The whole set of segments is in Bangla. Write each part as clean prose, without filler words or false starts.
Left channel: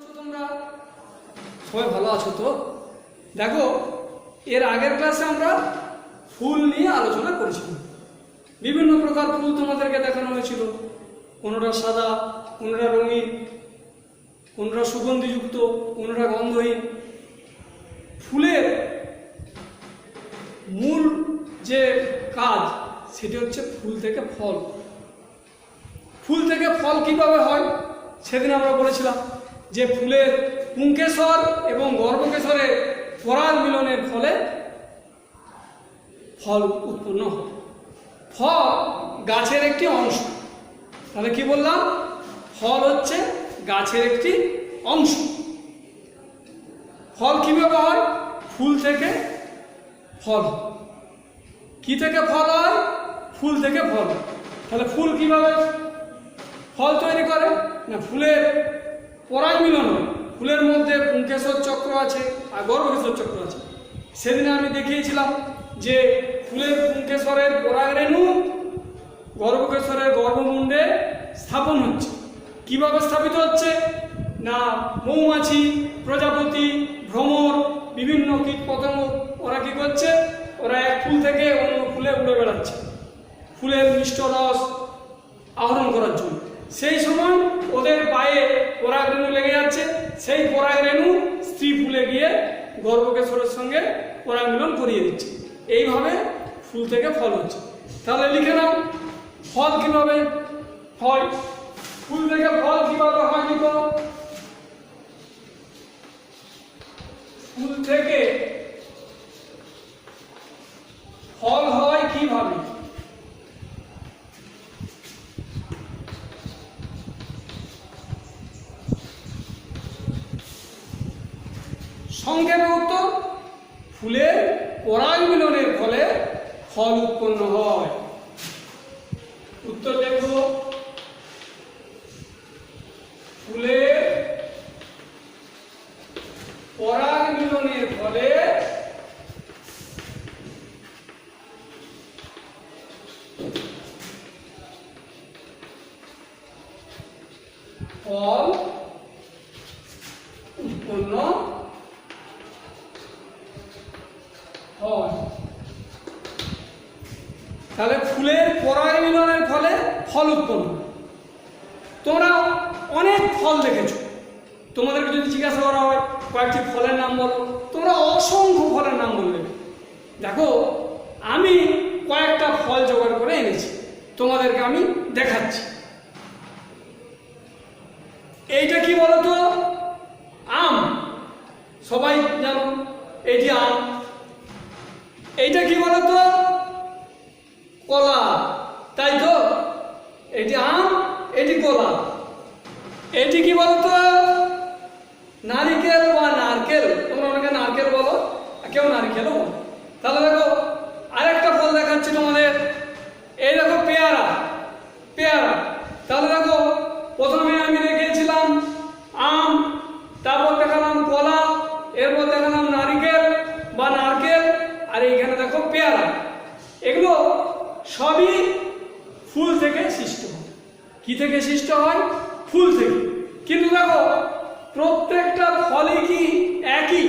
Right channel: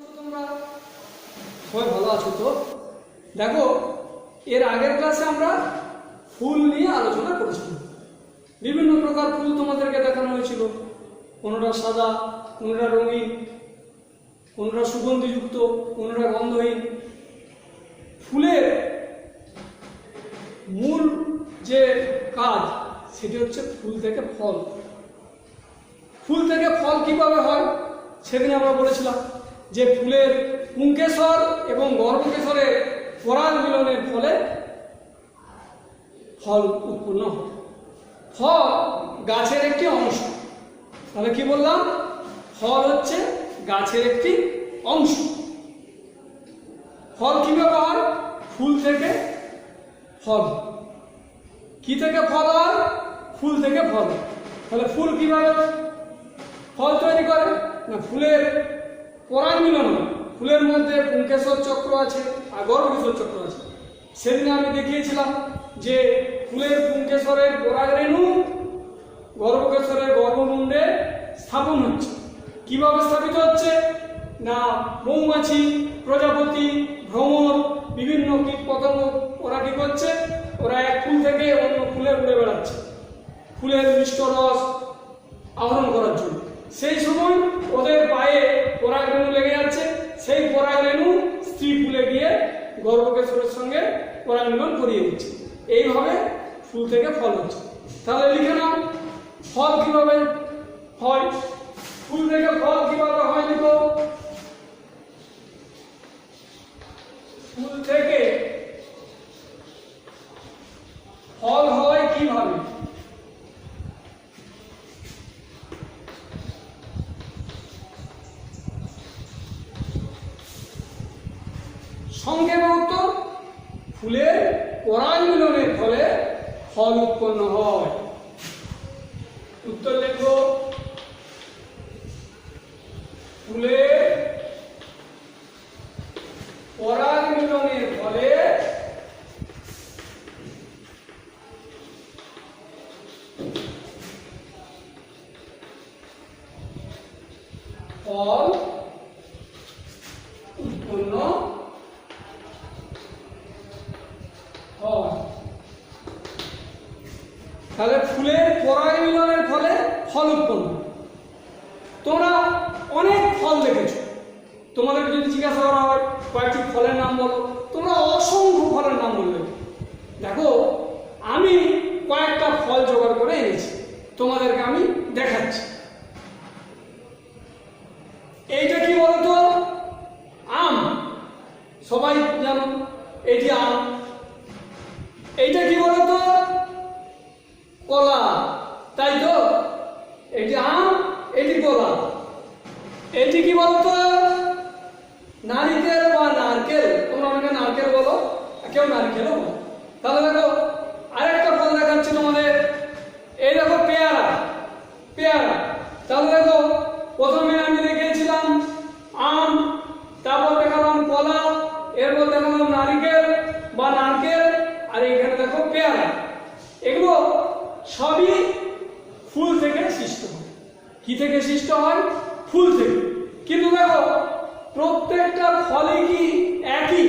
তোমরা সবাই ভালো আছো তো? দেখো, এর আগের ক্লাসে আমরা ফুল নিয়ে আলোচনা করেছিলাম। বিভিন্ন প্রকার ফুল তোমাদেরকে দেখানো হয়েছিল। কোনোটা সাদা, কোনোটা রঙিন, কোনোটা সুগন্ধিযুক্ত, কোনোটা গন্ধহীন। ফুলের মূল যে কাজ সেটি হচ্ছে ফুল থেকে ফল। ফুল থেকে ফল কিভাবে হয় সেদিন আমরা বলেছিলাম যে ফুলের পুংকেশর এবং গর্ভকেশরের পরাগ মিলনের ফলে ফল উৎপন্ন হয়। ফল গাছের একটি অংশ। তাহলে কি বললাম? ফল হচ্ছে গাছের একটি অংশ। ফল কিভাবে হয়? ফুল থেকে ফল। কি থেকে ফল হয়? ফুল থেকে ফল। তাহলে ফুল কিভাবে ফল তৈরি করে? না, ফুলের পরাগ মিলন। ফুলের মধ্যে পুংকেশর চক্র আছে আর গর্ভকেশর চক্র আছে। সেদিন আমি দেখিয়েছিলাম যে ফুলের পুংকেশরের পরাগ রেণু গর্ভকেশরের গর্ভমুণ্ডে স্থাপন হচ্ছে। কিভাবে স্থাপিত হচ্ছে? না, মৌমাছি, প্রজাপতি, ভ্রমর, বিভিন্ন কীট পতঙ্গ ওরা কি করছে? ওরা এক ফুল থেকে অন্য ফুলে উড়ে বেড়াচ্ছে ফুলের মিষ্ট রস আহরণ করার জন্য। সেই সময় ওদের পায়ে পরাগ রেণু লেগে যাচ্ছে। সেই পরাগ রেণু স্ত্রী ফুলে গিয়ে গর্ভকেশরের সঙ্গে পরাগ মিলন করিয়ে দিচ্ছে। এইভাবে ফুল থেকে ফল হচ্ছে। তাহলে লিখে নাও, ফল কিভাবে হয়? ফুল থেকে ফল কিভাবে হয়? লিখো, ফুল থেকে ফল হয় কিভাবে? সংক্ষেপে উত্তর, ফুলের পরাগ মিলনের ফলে ফল উৎপন্ন হয়। উত্তর লেখো, ফুলের পরাগ মিলনের ফলে ফল উৎপন্ন হয়। তাহলে ফুলের পরাগ মিলনের ফলে ফল উৎপন্ন। তোমরা অনেক ফল দেখেছো। তোমাদেরকে যদি জিজ্ঞাসা করা হয় কয়েকটি ফলের নাম বলো, তোমরা অসংখ্য ফলের নাম বলবে। দেখো, আমি কয়েকটা ফল জোগাড় করে এনেছি, তোমাদেরকে আমি দেখাচ্ছি। এইটা কি বলতো? আম। সবাই জানো এটি আম। এইটা কি বলতো? কলা, তাই তো? এটি আম, এটি কলা। এটি কি বলতো? নারিকেল বা নারকেল। তোমরা অনেকে নারকেল বলো, কেউ নারিকেলও বলো। তাহলে দেখো, আরেকটা ফল দেখাচ্ছি তোমাদের। এই দেখো, পেয়ারা। পেয়ারা। তাহলে দেখো, প্রথমে আমি দেখিয়েছিলাম আম, তারপর দেখালাম কলা, এরপর দেখালাম নারিকেল বা নারকেল, আর এইখানে দেখো পেয়ারা। এগুলো সবই ফুল থেকে সৃষ্ট হয়। কি থেকে সৃষ্ট হয়? ফুল থেকে। কিন্তু দেখো, প্রত্যেকটা ফলই কি একই?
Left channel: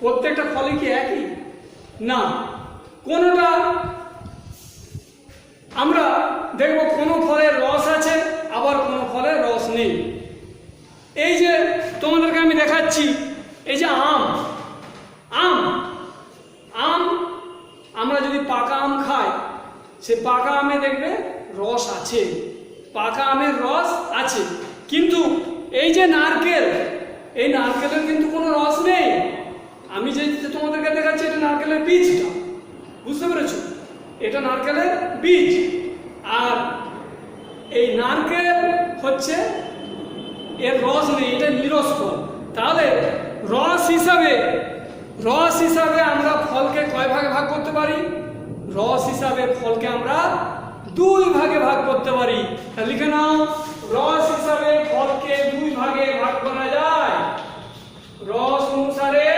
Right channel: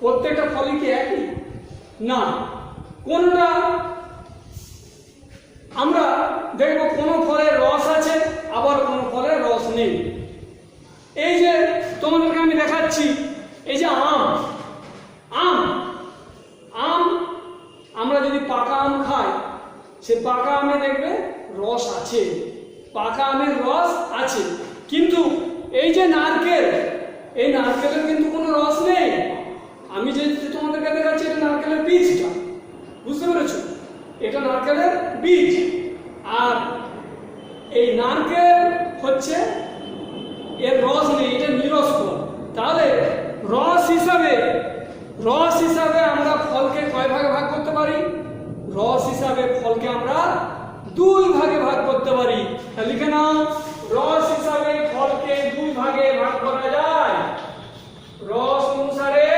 প্রত্যেকটা ফলই কি একই? না। কোনটা আমরা দেখবো কোনো ফলের রস আছে, আবার কোনো ফলের রস নেই। এই যে তোমাদেরকে আমি দেখাচ্ছি, এই যে আম। আম আম আমরা যদি পাকা আম খাই, সে পাকা আমে দেখবে রস আছে, পাকা আমের রস আছে। কিন্তু এই যে নারকেল, এই নারকেলের কিন্তু কোনো রস নেই। আমি যে তোমাদেরকে দেখাচ্ছি, এটা নারকেলের বীজটা। বুঝতে পেরেছো? এটা নারকেলের বীজ। আর এই নারকেল হচ্ছে, এর রস নেই, এটা নিরস ফল। তাহলে রস হিসাবে আমরা ফলকে কয় ভাগে ভাগ করতে পারি? রস হিসাবে ফলকে আমরা দুই ভাগে ভাগ করতে পারি। লিখে নাও, রস হিসাবে ফলকে দুই ভাগে ভাগ করা যায়। রস অনুসারে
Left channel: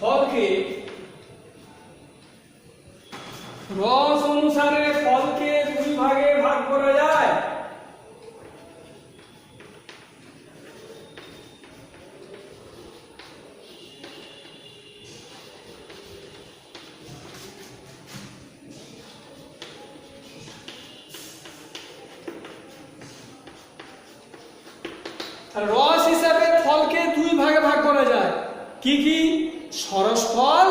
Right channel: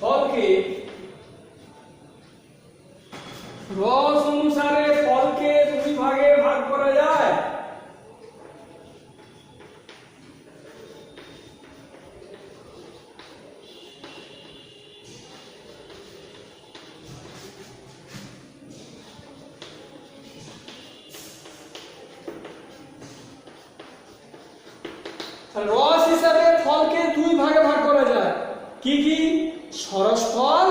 ফলকে দুই ভাগে ভাগ করা যায়। রস হিসাবে ফলকে দুই ভাগে ভাগ করা যায়, কি কি? সরস ফল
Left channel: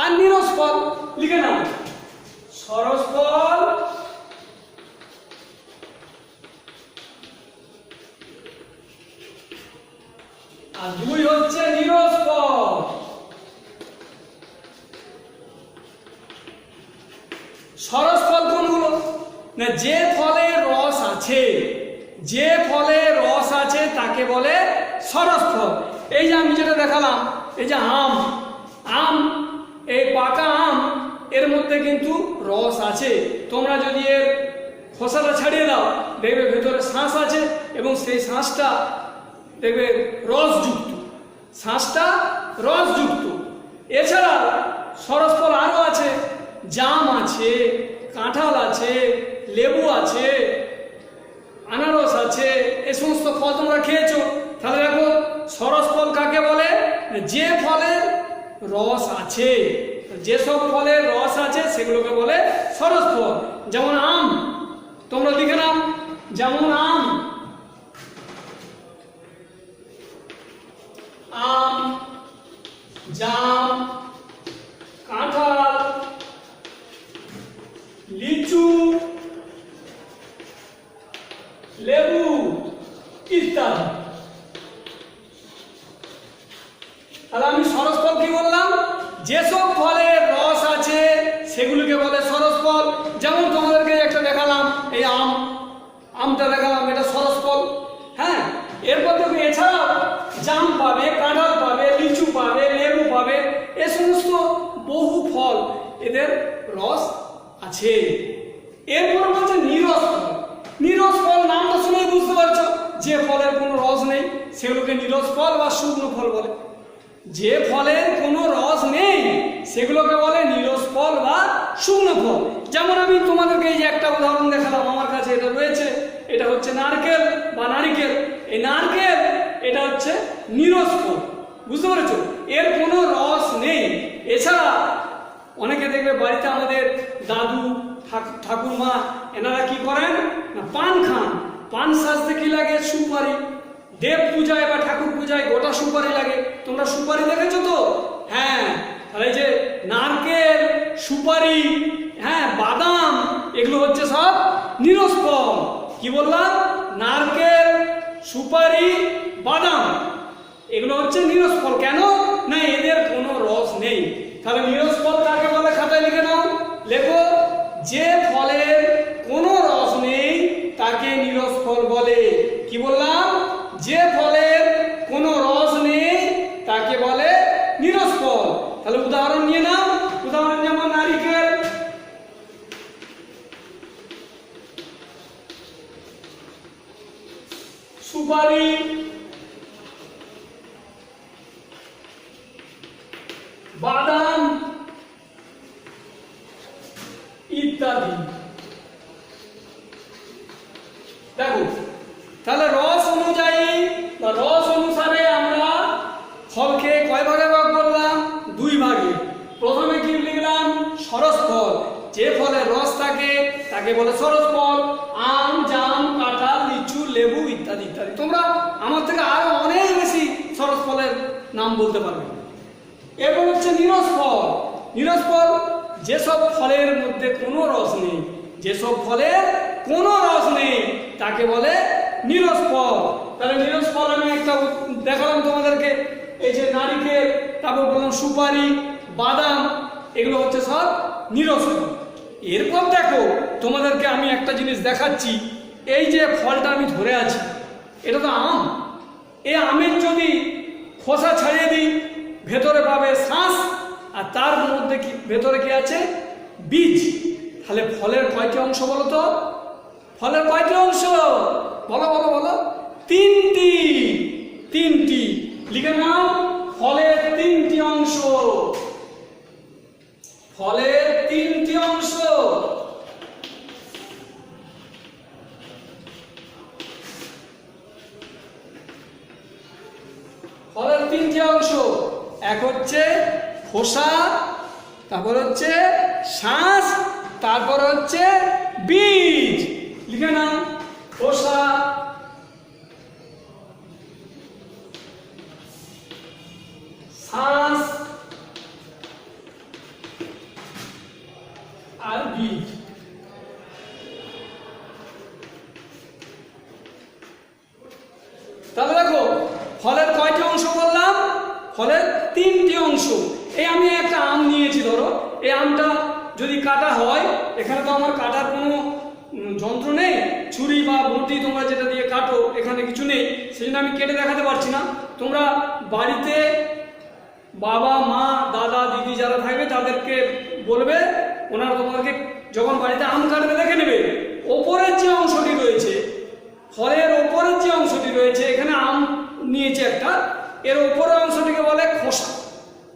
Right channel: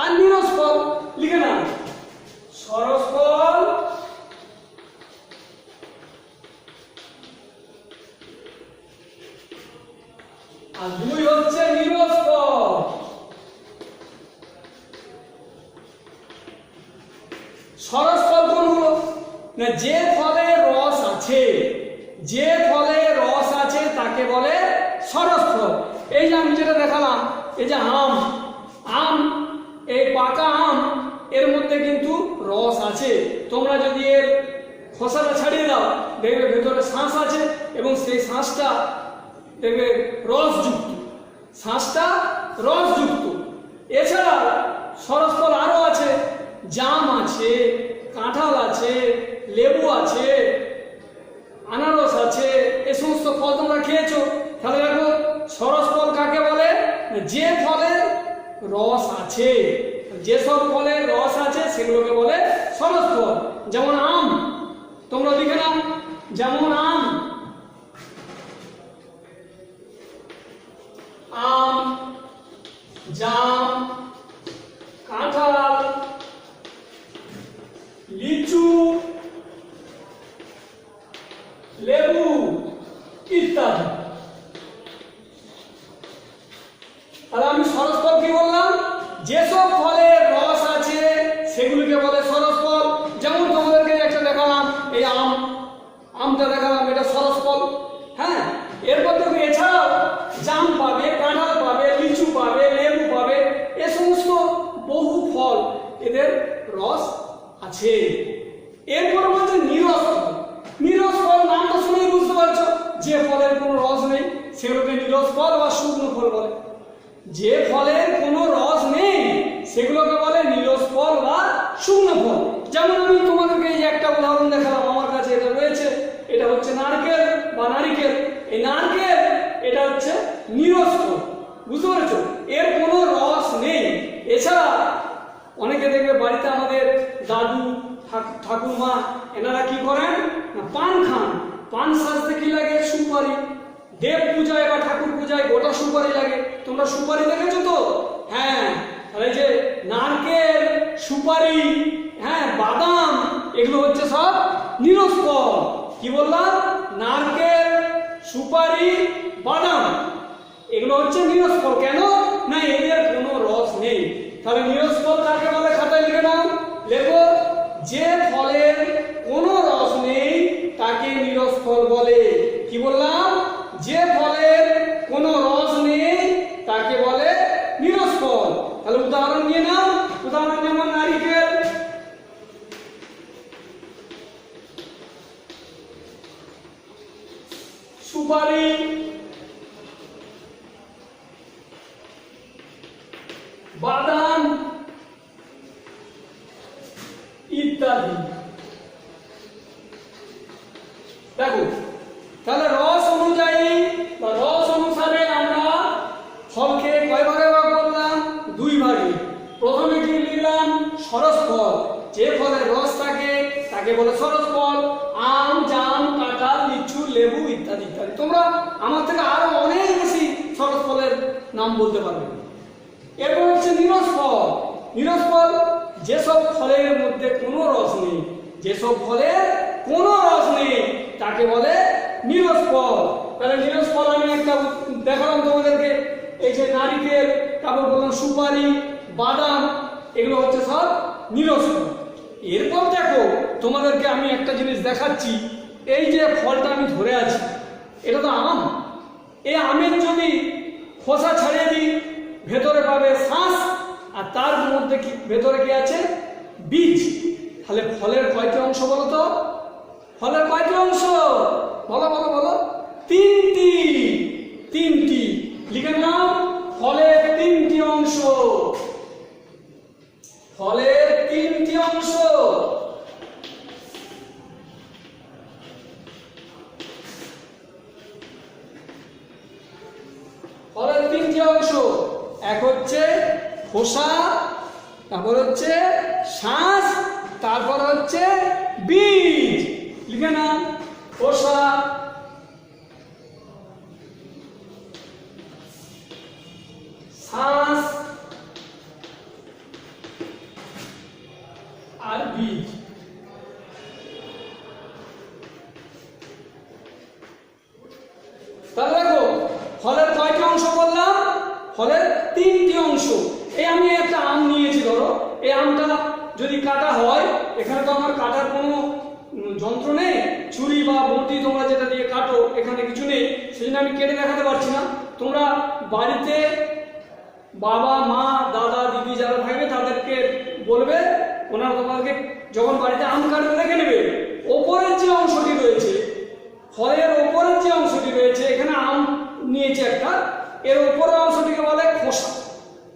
আর নিরস ফল। লিখে নাও, সরস ফল আর দুই হচ্ছে নিরস ফল। সরস ফল কোনগুলো? না, যে ফলে রস আছে, যে ফলে রস আছে তাকে বলে সরস ফল। এই যে আমি যেটা দেখালাম, এই যে আম, আম, এই পাকা আম, এর মধ্যে কিন্তু রস আছে। তোমরা যদি এর খোসাটা ছাড়িয়ে দাও, দেখবে ভেতরে শাঁস আছে এবং সেই শাঁসটা দেখবে রসযুক্ত, শাঁসটা রসযুক্ত। এছাড়া সরস ফল আরো আছে, জাম আছে, কাঁঠাল আছে, লেবু আছে, আনারস আছে। এই সমস্ত ফল তোমরা খেয়েছো। তাহলে দেখো সরস ফল কাকে বলে? যে ফলের রস আছে, যেসব ফলের রস আছে সেগুলোকে বলে সরস ফল। যেমন আম, তোমরা লিখে নাও, যেমন আম, আম, জাম, কাঁঠাল, লিচু, লেবু ইত্যাদি। তাহলে আমি সরস ফল কি বললাম? যেসব ফলের রস আছে সেগুলোকে বলে সরস ফল। যেমন তোমাদেরকে একটা দেখালাম, এই আম, আমটা দেখালাম, এটা সরস ফল। হ্যাঁ, এরপর দেখো এছাড়াও জাম পাবে, কাঁঠাল পাবে, লিচু পাবে, লেবু পাবে, এ সমস্ত বহু ফল এদের রস আছে। এরপর হচ্ছে নিরস ফল। নিরস ফল নামটা শুনেই বুঝতে পারছো, যে ফলের কোনো রস নেই সেগুলোকে নিরস ফল বা শুকনো ফল বলে। যে ফলের কোনো রস নেই সেগুলোকে বলে নিরস ফল বা শুকনো ফল। যেমন আমি তোমাদেরকে এই একটা উদাহরণ দেখালাম, আমার কাছে এটা রয়েছে, এটা হচ্ছে নারকেল বা নারিকেল। এই নারকেল এটা হচ্ছে নিরস ফল, বুঝতে পেরেছো? এর কোনো রস নেই। এছাড়া অনেকে দেখবে বাড়িতে আমাদের দাদু ঠাকুমা এনারা কি করেন না, পান খান। পান সাজতে কি লাগে? সুপারি। দেব পূজায় বা ঠাকুর পূজায় গোটা সুপারি লাগে। তোমরা সুপারি দেখেছো তো? হ্যাঁ, তাহলে যে নারকেল, সুপারি, হ্যাঁ, বাদাম, এগুলো হচ্ছে সব নিরস ফল। কি বললাম? নারকেল, সুপারি, বাদাম, এগুলো হচ্ছে নিরস ফল। কেন না? এদের কোনো রস নেই। তাহলে নিরস ফল কাকে বলে? খাতায় লিখে নাও, লেখো, যে ফলের কোনো রস নেই তাকে নিরস ফল বলে। কি বললাম? যে ফলের কোনো রস নেই তাকে বলে নিরস ফল। তাহলে উদাহরণ নিয়ে নাও, উদাহরণ যেমন নারিকেল, সুপারি, বাদাম ইত্যাদি। দেখো, তাহলে রস অনুযায়ী বা রস অনুসারে আমরা ফলকে কয় ভাগে ভাগ করলাম? দুই ভাগে। প্রথমে কি লিখলাম? সরস ফল। যে ফলে রস থাকে তাকে বলে সরস ফল। আম, জাম, কাঁঠাল, লিচু, লেবু ইত্যাদি ইত্যাদি। তোমরা আমার থেকে আরো অনেক বেশি সরস ফলের নাম বলতে পারবে। এরপর হচ্ছে নিরস ফল। নিরস ফল যেসব ফলের মধ্যে কোনো রস নেই, যেসব ফলের কোনো রস নেই তাকে বলে নিরস ফল। তাহলে নিরস ফল আমি একটা দেখালাম তোমাদেরকে, এই যে নারিকেল, তারপর বললাম সুপারি, বাদাম, এগুলো হচ্ছে সব নিরস ফল। এরপর দেখো তোমাদেরকে আমি একটা জিনিস দেখাচ্ছি। এই যে ফলটা আমি ধরে আছি, এটা তো আম। এই আমের যদি খোসা ছাড়িয়ে দিই, ভেতরে পাবে শাঁস, আর তার মধ্যে কি ভেতরে কি আছে? বীজ। তাহলে ফলের কয়টি অংশ বলো তো? ফলের কয়টি অংশ? বলো বলো বলো। তিনটি। তিনটি লিখে নাও, ফলের তিনটি অংশ। ফলের তিনটি অংশ। ফলের তিনটি অংশ, এক হচ্ছে খোসা, তারপর হচ্ছে শাঁস, তারপর হচ্ছে বীজ। লিখে নাও, খোসা, আর বীজ। তাহলে দেখো ফলের কয়টি অংশ বললাম? ফলের তিনটি অংশ। এই আমি একটা আম নিয়েছি, ধরো এই আমটা যদি কাটা হয়, এখানে তো আমার কাটার কোনো যন্ত্র নেই, ছুরি বা বটি তোমরা যেটা দিয়ে কাটো এখানে কিছু নেই, সেই জন্য আমি কেটে দেখাতে পারছি না। তোমরা বাড়িতে বাবা মা দাদা দিদি যারা থাকবে তাদেরকে বলবে, ওনারা তোমাদেরকে যখন বাড়িতে আম কাটবে দেখে নেবে ওপরের যে অংশটি রয়েছে, ফলের ওপরের যে অংশটি রয়েছে, এখানে আম নিয়েছে একটা, এর ওপরের অংশটিকে বলে খোসা।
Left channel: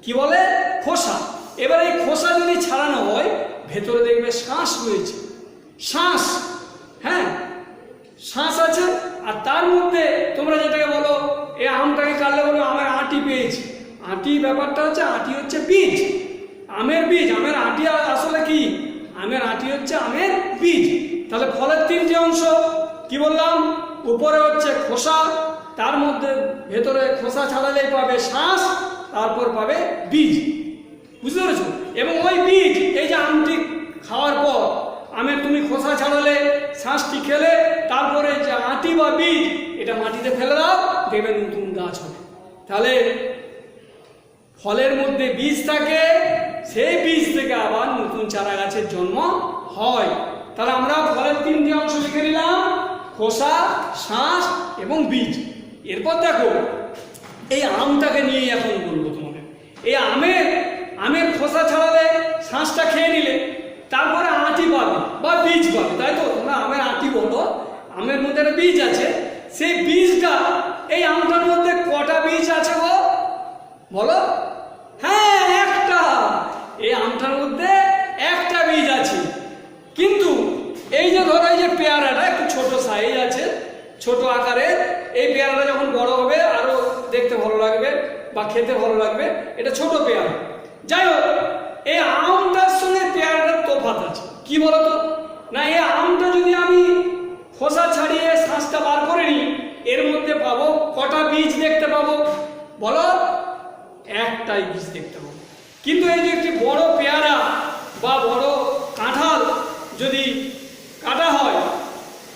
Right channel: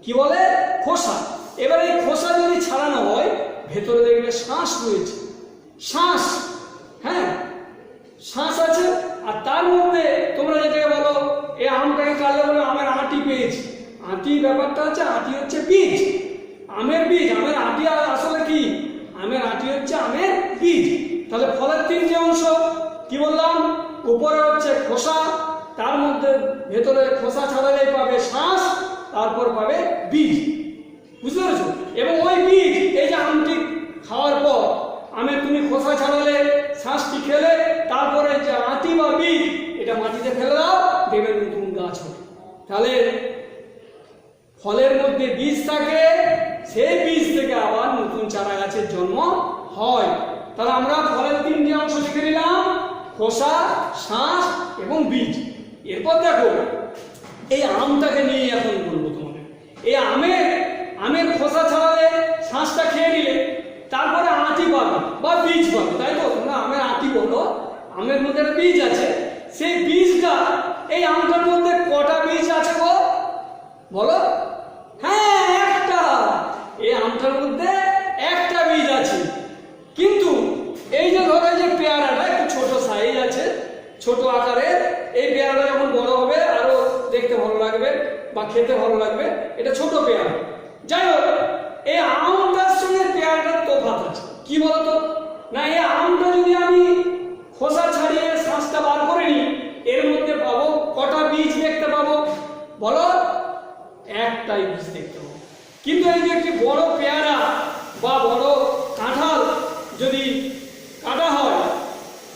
কি বলে? খোসা। এবার এই খোসা যদি ছাড়ানো হয়, ভেতরে দেখবে শাঁস রয়েছে, শাঁস, হ্যাঁ শাঁস আছে। আর তার মধ্যে তোমরা যেটাকে বলো, এই আমটাকে কাটলে বলো আমের আঁটি পেয়েছি। আঁটি ব্যাপারটা হচ্ছে, আঁটি হচ্ছে বীজ, আমের বীজ। আমের আঁটি আসলে কি? আমের আঁটি হচ্ছে আমের বীজ। তাহলে ফলের তিনটি অংশ কি বললাম? উপরে হচ্ছে খোসা, তার মধ্যে ভেতরে খোসা ছাড়ালেই পাবে শাঁস, তারপর পাবে বীজ। বুঝতে পেরেছো? এবং ওই বীজ, এই যে আমটি খাওয়ার পর আমের তুমি খোসা ছাড়ালে, শাঁসটি খেলে, তারপরে যে আঁটি বা বীজ এটা মাটিতে ফেলে দাও, দেখবে নতুন গাছ হবে। তাহলে ফলের মধ্যে বীজ থাকে, সেই বীজ থেকে আবার নতুন চারা গাছের জন্ম হয়। তাহলে আমরা ফলের তিনটি অংশ লিখে নিলাম, খোসা, শাঁস এবং বীজ। এরপর দেখো এই আমটাকে নিয়ে এখন বলবো তোমাদের। এই আমের খোসা ছাড়ালে, শাঁসটা খেয়ে নিলে, তারপরে আঁটি পাবে বা বীজ পাবে, তাই তো? তোমরা আমের আঁটি বলো, আমের মধ্যে একটা বীজ আছে। সেই বীজটা, এই আমটার মধ্যে কটা বীজ আছে গো বলো? হ্যাঁ, একটা। এই আমটার মধ্যে একটা বীজ আছে। কিন্তু এই যে ধরো, এই যে পেয়ারাটা একটু ছোট সাইজ আছে, ছোট আকারের, এই পেয়ারাটা যখন বড় হবে আরো দেখতে ভালো লাগবে বা খেতে ভালো লাগবে, এটা ছোট পেয়ারা। যাই হোক, এই আমটার সঙ্গে পেয়ারাটার তফাৎ আছে। কি বলতো? না, এই আমটা যদি আমি খোসা ছাড়িয়ে শাঁসটা বার করে নিই, এর মধ্যে পাবো কটা বীজ দেখতে পাবো বলো? একটাই বীজ দেখতে পাবো। কিন্তু এই যে একটি বড় পেয়ারা বা বড় কাঁঠাল যদি কাটা হয়,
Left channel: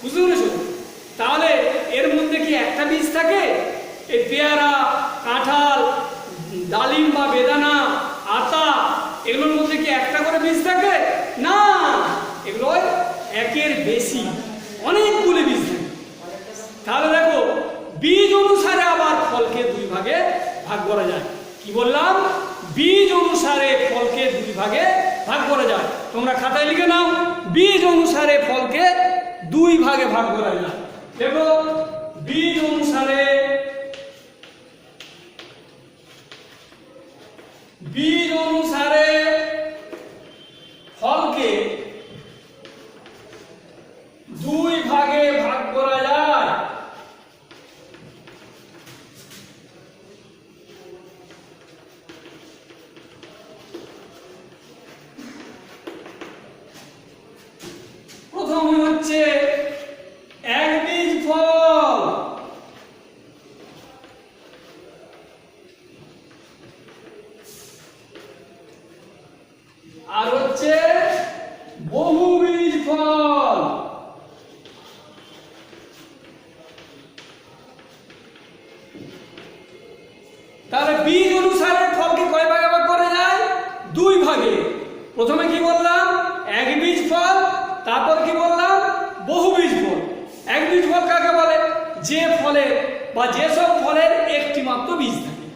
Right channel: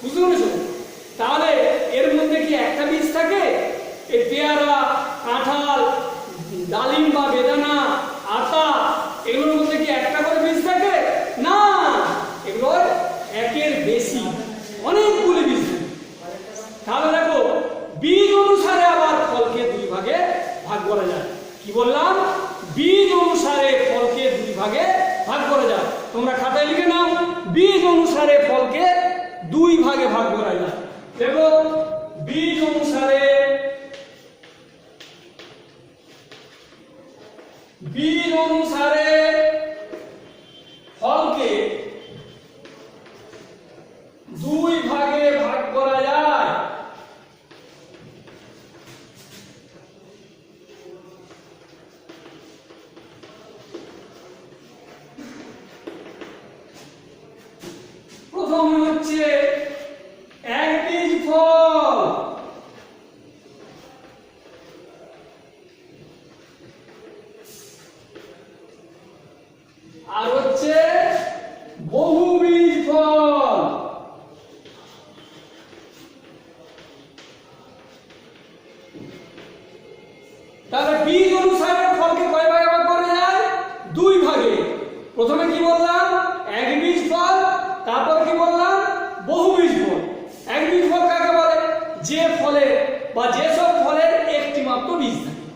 বুঝতে পেরেছো? তাহলে এর মধ্যে কি একটা বীজ থাকে? এই পেয়ারা, কাঁঠাল, ডালিম বা বেদানা, আতা, এগুলোর মধ্যে কি একটা করে বীজ থাকে? না, এগুলো একের বেশি, অনেকগুলো বীজ থাকে। তাহলে দেখো, বীজ অনুসারে আবার ফলকে দুই ভাগে ভাগ করা যায়। কি বললাম? বীজ অনুসারে ফলকে দুই ভাগে ভাগ করা যায়। তোমরা খাতায় লিখে নাও, বীজ অনুসারে ফলকে দুই ভাগে ভাগ করা যায়। দেখো, বীজ অনুসারে ফলকে দুই ভাগে ভাগ করা যায়। প্রথমে হচ্ছে একবীজ ফল, আর হচ্ছে বহুবীজ ফল। তাহলে বীজ অনুসারে ফলকে কয় ভাগে ভাগ করা যায়? দুই ভাগে। প্রথমে কি বললাম? একবীজ ফল, তারপর কি বললাম? বহুবীজ ফল। একবীজ ফল কাকে বলে? যে ফলে বা যেসব ফলের একটি মাত্র বীজ থাকে,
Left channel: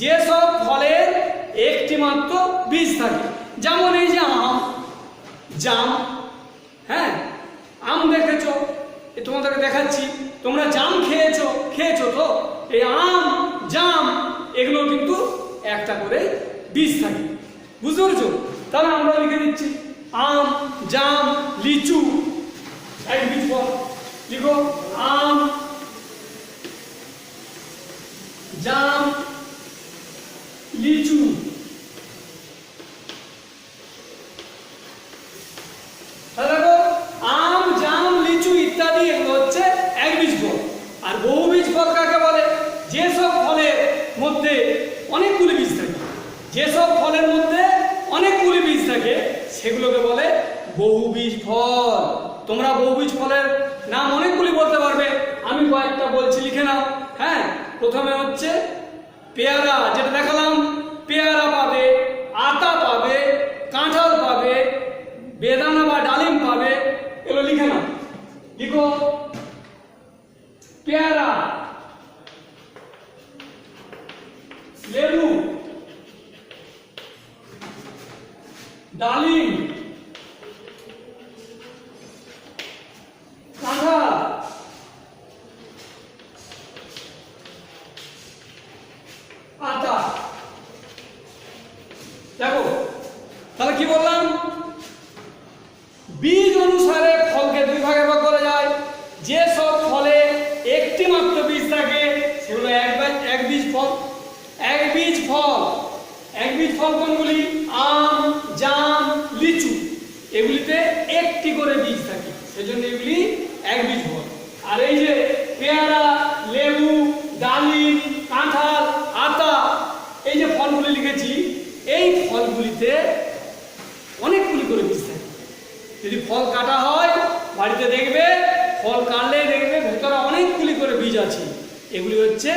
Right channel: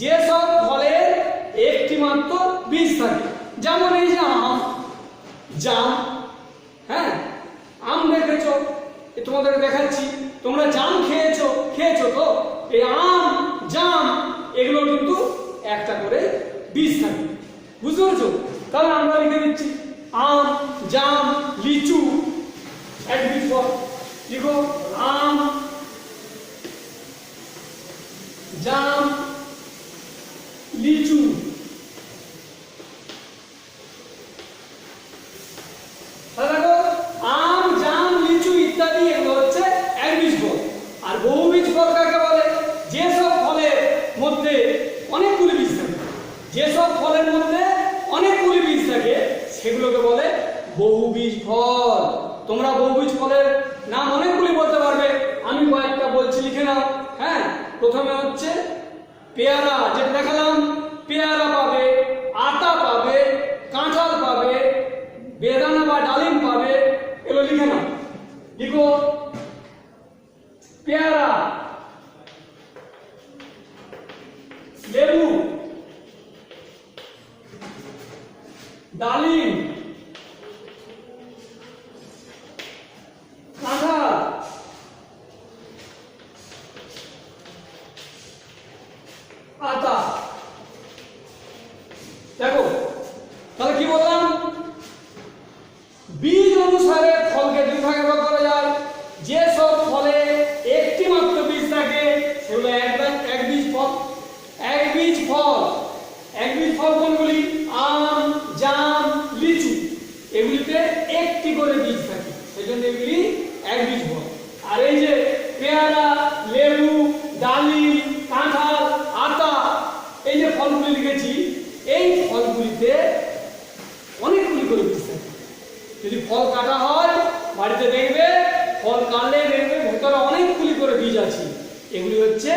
যেসব ফলের একটি মাত্র বীজ থাকে। যেমন এই যে আম, জাম, হ্যাঁ আম দেখেছো, তোমাদেরকে দেখাচ্ছি, তোমরা জাম খেয়েছো তো? এই আম, জাম এগুলো কিন্তু একটা করে বীজ থাকে। বুঝতে পেরেছো? তাহলে আমরা লিখে দিচ্ছি আম, জাম, লিচু, এক বীজ ফল। লিখো আম, জাম, লিচু। দেখো, আম, জাম, লিচু ইত্যাদি এগুলো হচ্ছে একবীজ ফল। আর বহুবীজ ফল কাকে বলে? যেসব ফলের মধ্যে অনেকগুলি বীজ থাকে, যেসব ফলের মধ্যে অনেকগুলি বীজ থাকে সেগুলোকে বলে বহুবীজ ফল। তোমরা বহুবীজ ফলের নাম অনেকগুলি বলতে পারবে, আমি কয়েকটা বলছি, লিখে নাও। হ্যাঁ, প্রথমে হচ্ছে পেয়ারা, যেটা দেখালাম, পেয়ারা পাবে, আতা পাবে, কাঁঠাল পাবে, বেদানা বা ডালিম পাবে। এগুলো লিখে নাও, লিখো। পেয়ারা, লেবু, ডালিম, কাঁঠাল, আতা। দেখো তাহলে কি বললাম, বীজ অনুসারে ফলকে দুই ভাগে ভাগ করা যায়। যে সব ফলে একটি মাত্র বীজ থাকে সেগুলো এক বীজ ফল। এক বীজ ফল, এক বীজ ফল কোনগুলি? আম, জাম, লিচু, এগুলিতে একটি করে বীজ থাকে, সেজন্য এগুলি এক বীজ ফল। আর এই যে পেয়ারা, লেবু, ডালিম, কাঁঠাল, আতা, এই যে ফলগুলি লিখেছি, এই ফলগুলিতে অনেকগুলি করে বীজ থাকে। যদি ফল কাটা হয় বাড়িতে দেখবে, ফল কাটলে দেখবে ভেতরে অনেকগুলি করে বীজ আছে, এগুলি হচ্ছে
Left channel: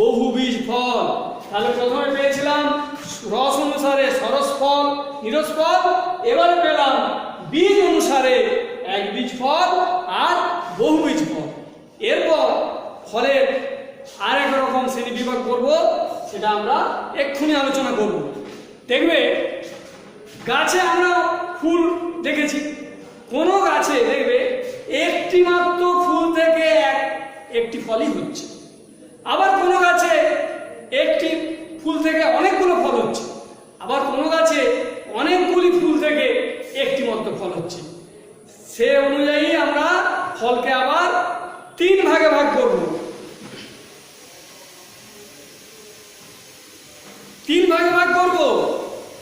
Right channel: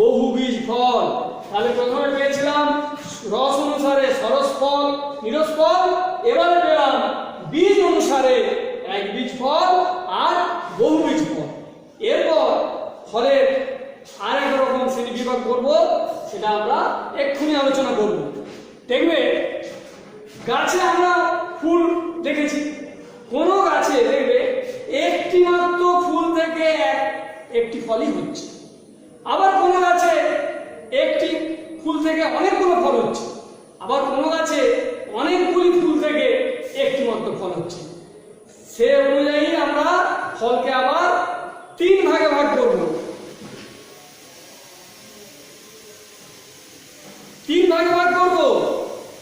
বহুবীজ ফল। তাহলে প্রথমে পেয়েছিলাম রস অনুসারে সরস ফল, নিরস ফল, এবারে পেলাম বীজ অনুসারে এক বীজ ফল আর বহুবীজ ফল। এরপর ফলের আরেক রকম শ্রেণী বিভাগ করব, সেটা আমরা এক্ষুনি আলোচনা করব। দেখবে গাছে আমরা ফুল দেখেছি, কোন গাছে দেখবে একটি মাত্র ফুল থেকে একটি ফলই হচ্ছে, আবার কোন গাছে একটি ফুল থেকে অনেকগুলো ফল হচ্ছে, আবার কোন গাছে অনেকগুলি ফুল থেকে একটি মাত্র ফল হচ্ছে। সে অনুযায়ী আমরা ফলকে আবার তিন ভাগে ভাগ করব। তিন ভাগে ভাগ করব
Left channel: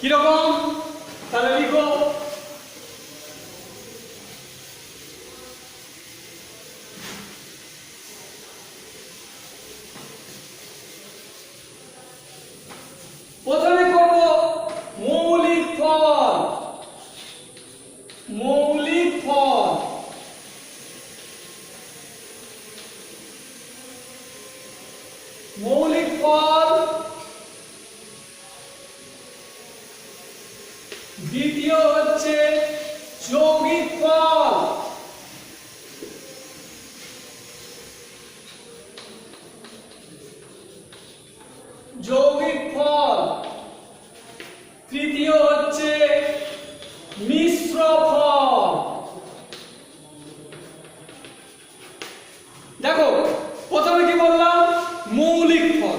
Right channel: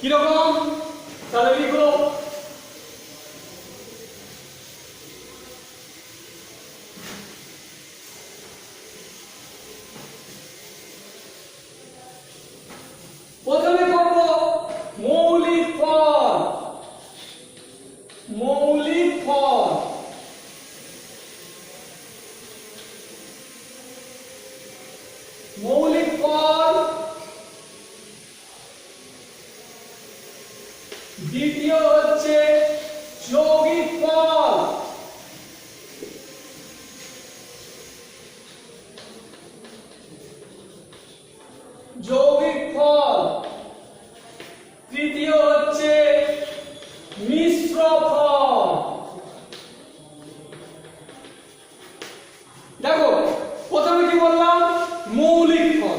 কিরকম? তাহলে লিখো, প্রথমে করব মৌলিক ফল। মৌলিক ফল, মৌলিক ফল। দ্বিতীয় হচ্ছে যৌগিক ফল। যৌগিক ফল। তৃতীয় হচ্ছে মিশ্র ফল। দেখো প্রথমে কি বললাম? মৌলিক ফল।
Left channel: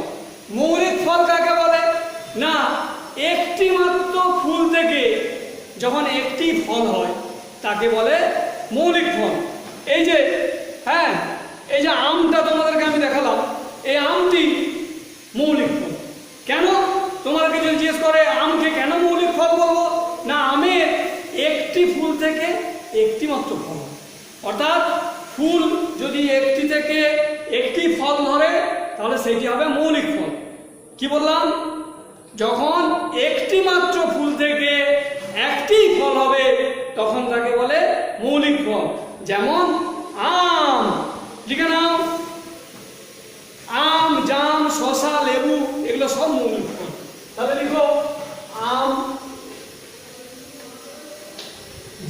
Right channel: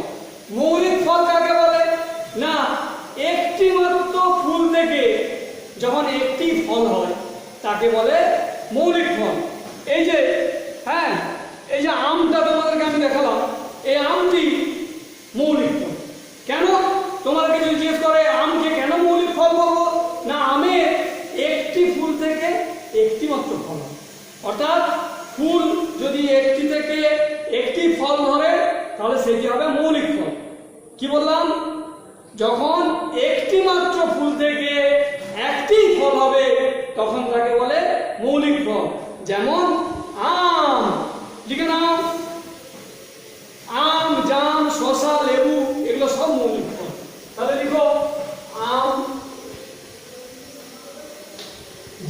মৌলিক ফল কাকে বলে? না, একটি মাত্র ফুল থেকে যখন একটি ফল হয় তাকে বলে মৌলিক ফল। এই যে হ্যাঁ, এই যে আমটা তোমাদেরকে আমি দেখালাম, এই আমটি মৌলিক ফল। কেন? তোমরা কিছু জিজ্ঞেস করে আমকে কেন মৌলিক ফল বলবো? না, আমের একটি ফুল থেকে একটি মাত্র ফল, অর্থাৎ ফুল যদি একটি থেকে একটি ফল ধরে তাহলে সেটি হবে মৌলিক ফল। কি বললাম? যখন একটি মাত্র ফুল থেকে একটি ফল হবে তখন তাকে বলে মৌলিক ফল। যেমন আম, লিখে নাও, আম, জাম, শসা, লেবু, এগুলো সব মৌলিক ফল। তাহলে লিখো আম,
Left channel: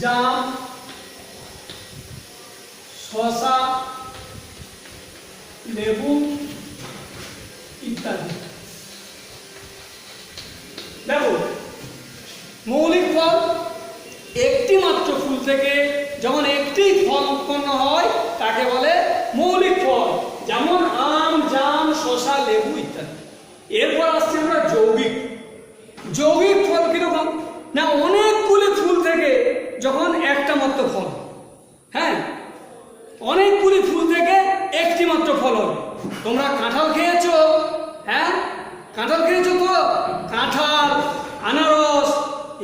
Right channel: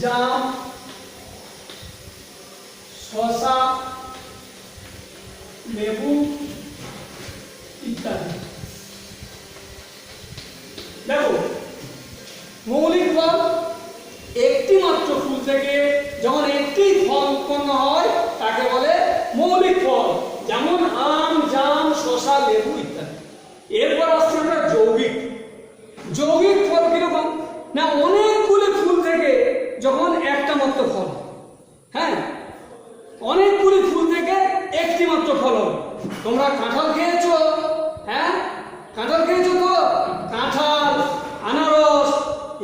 জাম, শসা, লেবু ইত্যাদি। দেখো মৌলিক ফল একটি মাত্র ফুল থেকে যখন একটি ফল উৎপন্ন হয় তাকে বলে মৌলিক ফল, যেমন আম, জাম, শসা, লেবু ইত্যাদি। এরপর আসছে আমরা যৌগিক। যৌগিক ফল কিরকম? না, অনেকগুলি ফুল থেকে যখন একটা মাত্র ফল, হ্যাঁ, অনেকগুলি ফুল থেকে একটি মাত্র ফল হবে। তোমরা কাঁঠাল খেয়েছো? হ্যাঁ, কাঁঠাল খেয়েছো তো? কাঁঠাল, আনারস,